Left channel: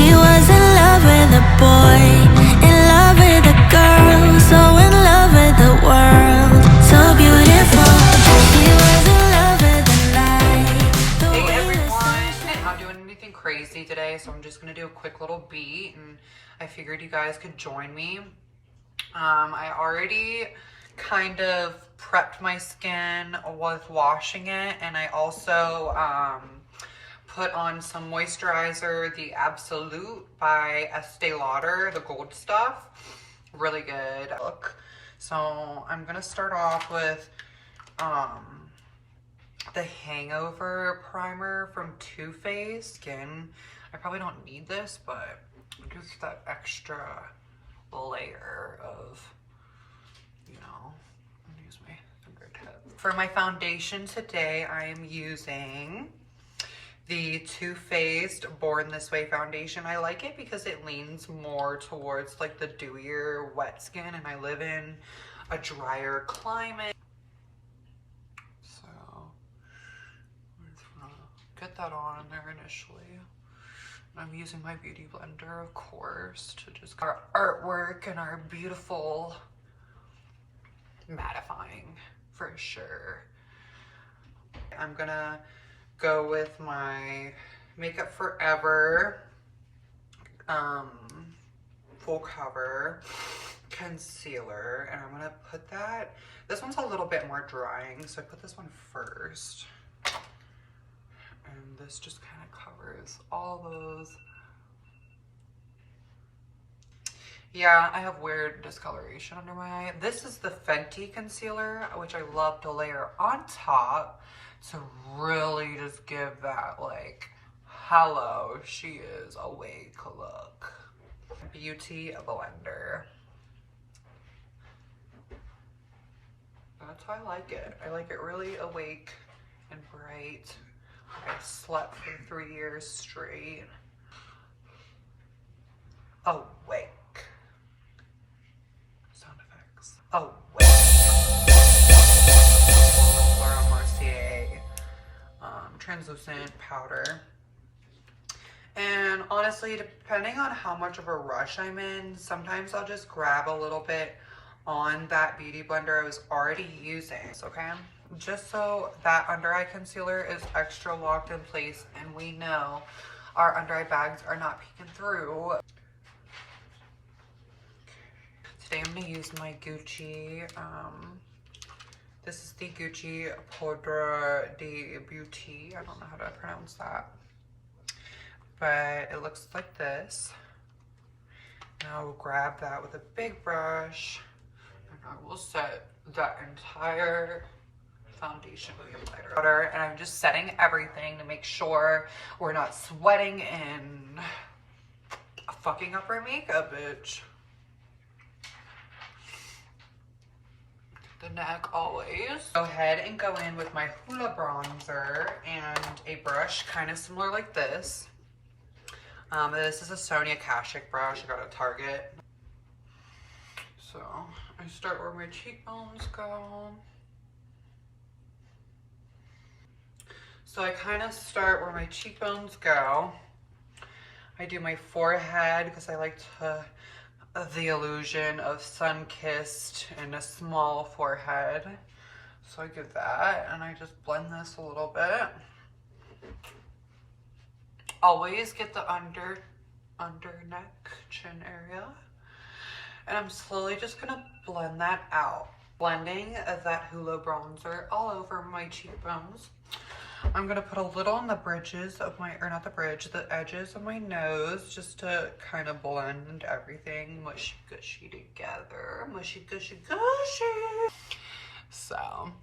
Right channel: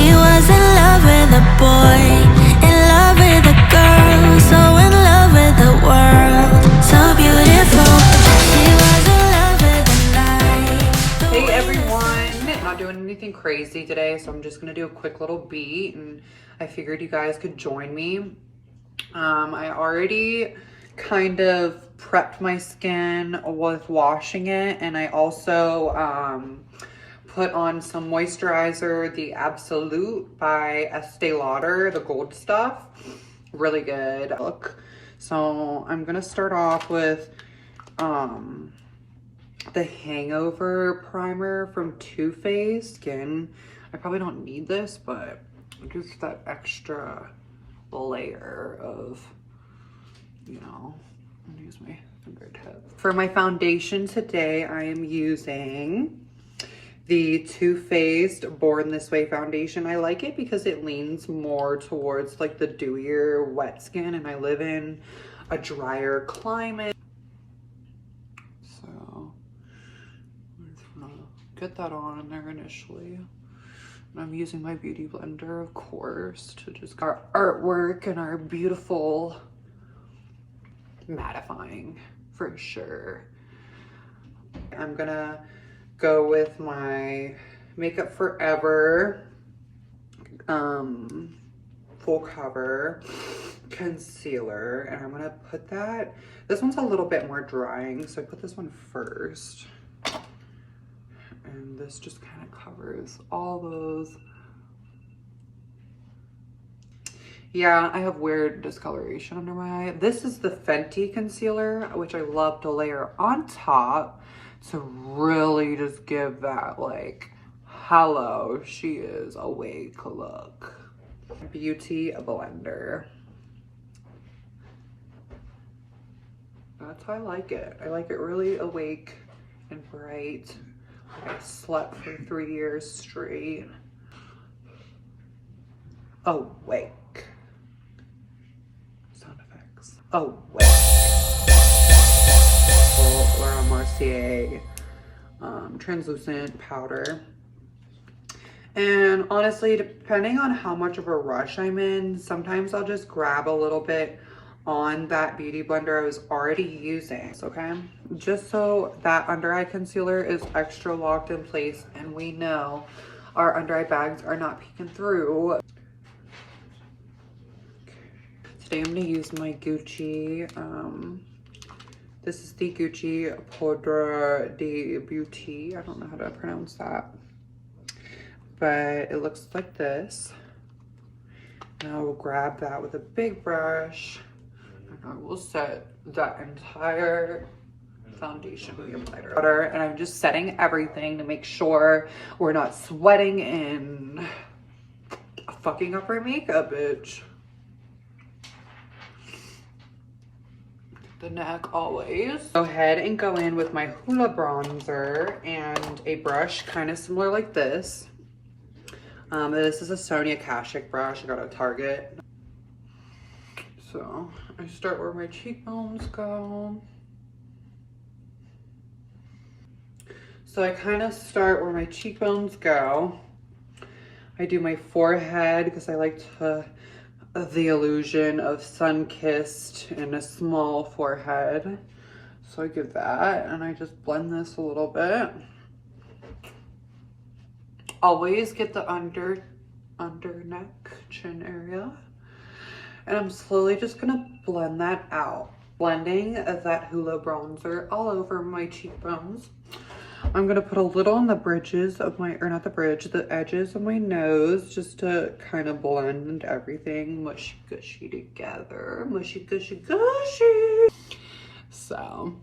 She was in love with a boy, in love with a girl, so in love with the world, so beautiful. She was in love with the night. Hey everyone, not doing anything crazy today, so I'm just gonna do a quick little beat, and I figured you guys could join me. I already kind of prepped my skin with washing it, and I also put on some moisturizer, the Absolute by Estee Lauder, the gold stuff. Really good look. So I'm gonna start off with the Hangover primer from Too Faced. Again, I probably don't need this, but just that extra layer of, you know, use my fingertip. For my foundation today, I am using the Too Faced Born This Way foundation. I like it because it leans more towards like the dewier wet skin, and I live in a drier climate. So I'm just gonna get that on there initially. And I'm using my beauty blender, of course, to just get our artwork and our beautiful mattifying for sure. I'm gonna go with my Makeup Forever full cover concealer, and I'm gonna put that, this one's a little bit more drying, so I put this one first, and this just kind of covers all those. Yeah, I have weird discoloration under my eye. This is the Fenty concealer, which I love to layer on top to really just give that like, hello, she is awake look. Beauty blender. That's how I like it. I like it really awake and bright. I slept for 3 years straight. Awake. Sound effects. Awake. Laura Mercier translucent powder. And honestly, depending on how much of a rush I'm in, sometimes I'll just grab a little bit on that beauty blender I was already using, okay? Just so that under eye concealer is extra locked in place and we know our under eye bags are not peeking through. Today I'm gonna use my Gucci, this is the Gucci Poudre de Beauty. I don't know how to pronounce that, but it looks like this. And I will grab that with a big brush, and I will set that entire foundation with your water. And I'm just setting everything to make sure we're not sweating and fucking up our makeup, bitch. The neck always. Go ahead and go in with my Hoola bronzer and a brush kind of similar like this. This is a Sonia Kashuk brush I got at Target. So I start where my cheekbones go. So I kind of start where my cheekbones go. I do my forehead because I like to the illusion of sun-kissed and a small forehead. So I give that, and I just blend this a little bit. Always get the under neck, chin area. And I'm slowly just gonna blend that out. Blending that Hoola bronzer all over my cheekbones. I'm gonna put a little on the bridges of my, or not the bridge, the edges of my nose, just to kind of blend everything mushy gushy together. Mushy gushy gushy. So,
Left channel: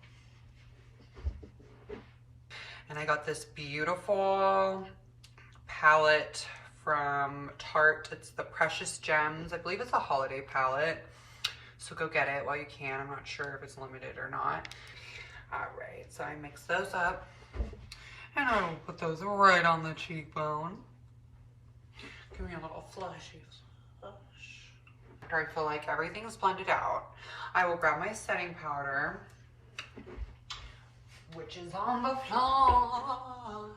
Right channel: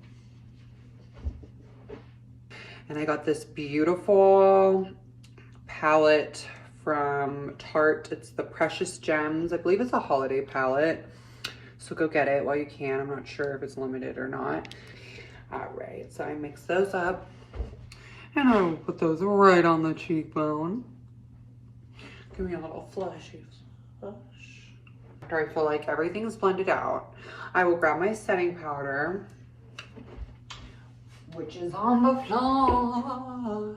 and I got this beautiful palette from Tarte. It's the Precious Gems. I believe it's a holiday palette, so go get it while you can. I'm not sure if it's limited or not. All right, so I mix those up, and I'll put those right on the cheekbone. Give me a little flushy flush. After I feel like everything's blended out, I will grab my setting powder, which is on the floor,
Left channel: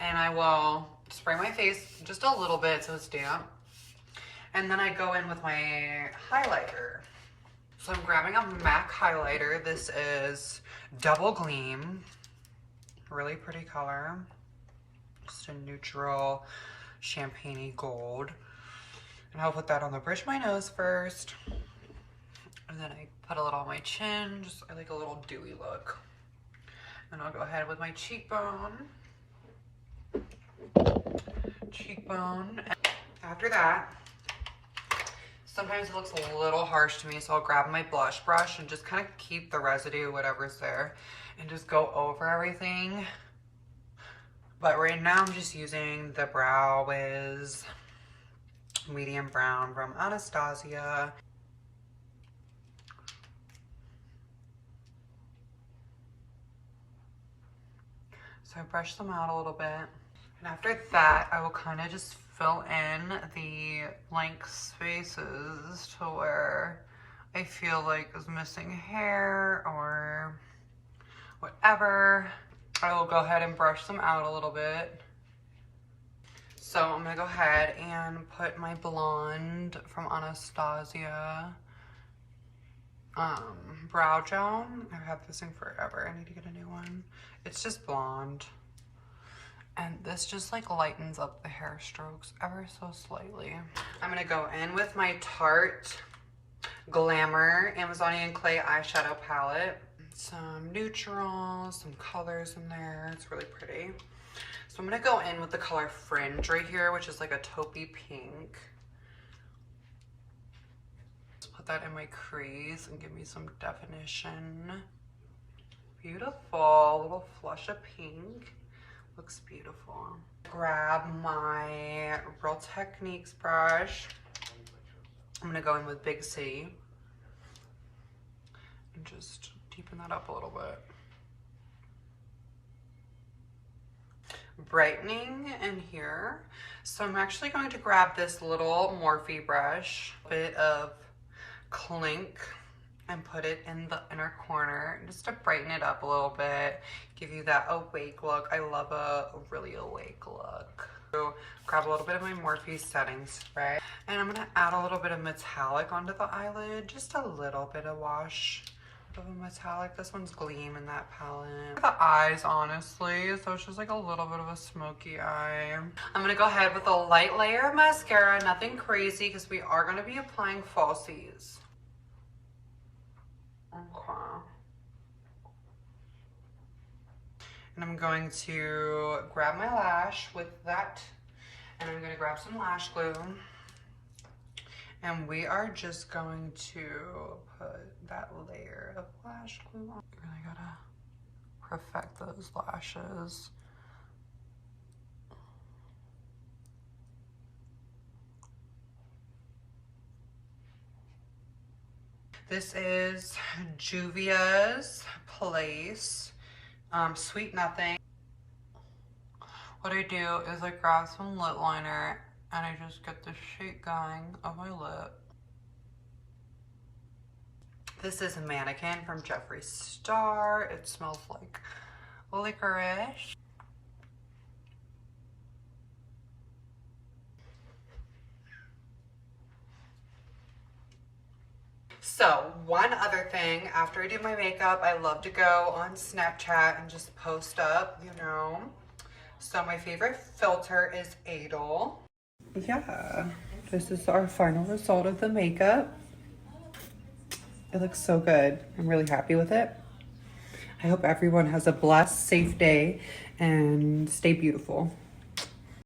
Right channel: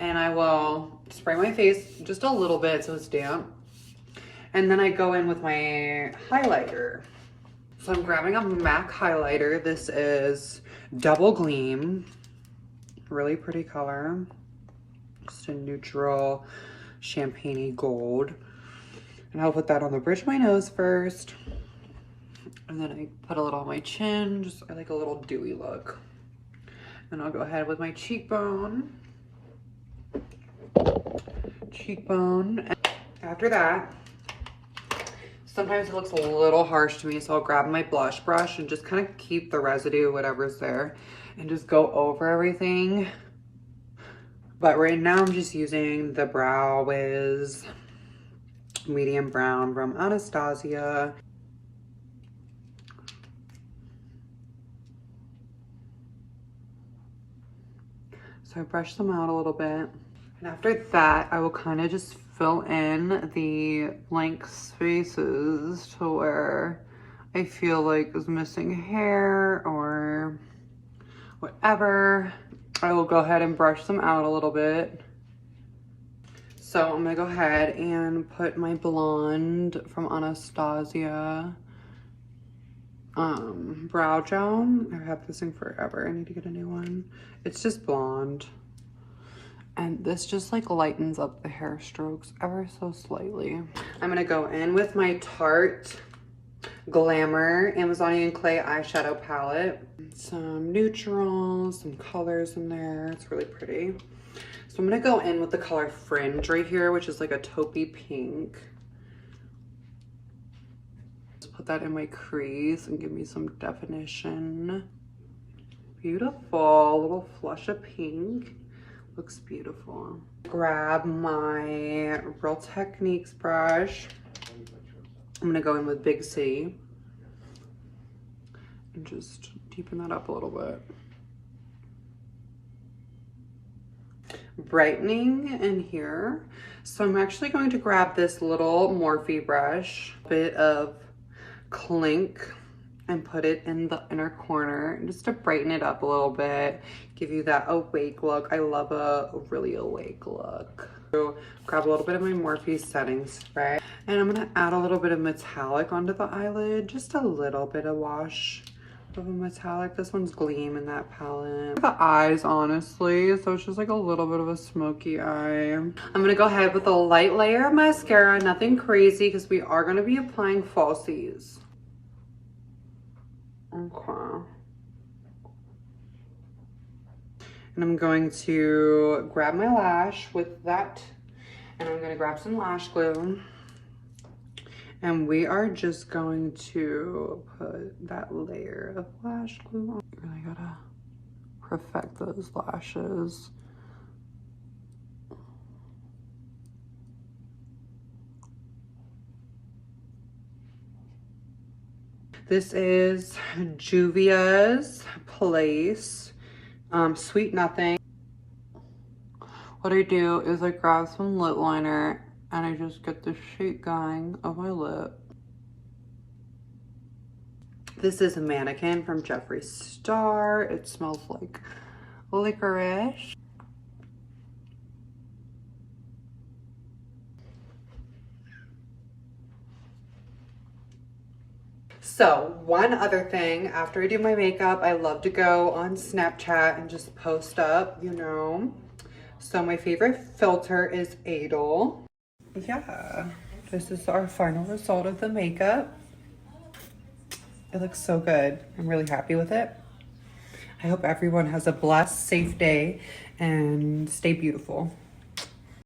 and I will spray my face just a little bit so it's damp. And then I go in with my highlighter. So I'm grabbing a MAC highlighter. This is Double Gleam. Really pretty color. Just a neutral champagne-y gold. And I'll put that on the bridge of my nose first. And then I put a little on my chin. Just, I like a little dewy look. And I'll go ahead with my cheekbone. And after that, sometimes it looks a little harsh to me, so I'll grab my blush brush and just kind of keep the residue, whatever's there, and just go over everything. But right now I'm just using the Brow Wiz medium brown from Anastasia. So I brush them out a little bit. And after that, I will kind of just fill in the blank spaces to where I feel like is missing hair or whatever. I will go ahead and brush them out a little bit. So I'm gonna go ahead and put my blonde from Anastasia brow gel. I've had this thing forever. I need to get a new one. It's just blonde. And this just like lightens up the hair strokes ever so slightly. I'm gonna go in with my Tarte Glamour Amazonian Clay eyeshadow palette. Some neutrals, some colors in there. It's really pretty. So I'm gonna go in with the color Fringe right here, which is like a taupey pink. Just put that in my crease and give me some definition. Beautiful, a little flush of pink. Looks beautiful. Grab my Real Techniques brush. I'm gonna go in with Big C and just deepen that up a little bit. Brightening in here. So I'm actually going to grab this little Morphe brush, bit of Clink, and put it in the inner corner just to brighten it up a little bit, give you that awake look. I love a really awake look. So grab a little bit of my Morphe setting spray, and I'm gonna add a little bit of metallic onto the eyelid, just a little bit of wash of a metallic. This one's Gleam in that palette. The eyes, honestly, so it's just like a little bit of a smoky eye. I'm gonna go ahead with a light layer of mascara, nothing crazy, because we are gonna be applying falsies. Okay. And I'm going to grab my lash with that, and I'm going to grab some lash glue, and we are just going to put that layer of lash glue on. You really gotta perfect those lashes. This is Juvia's Place Sweet Nothing. What I do is I grab some lip liner and I just get the shape going of my lip. This is a Mannequin from Jeffree Star. It smells like licorice. So one other thing, after I do my makeup, I love to go on Snapchat and just post up, you know. So my favorite filter is Adel. Yeah, this is our final result of the makeup. It looks so good. I'm really happy with it. I hope everyone has a blessed, safe day and stay beautiful.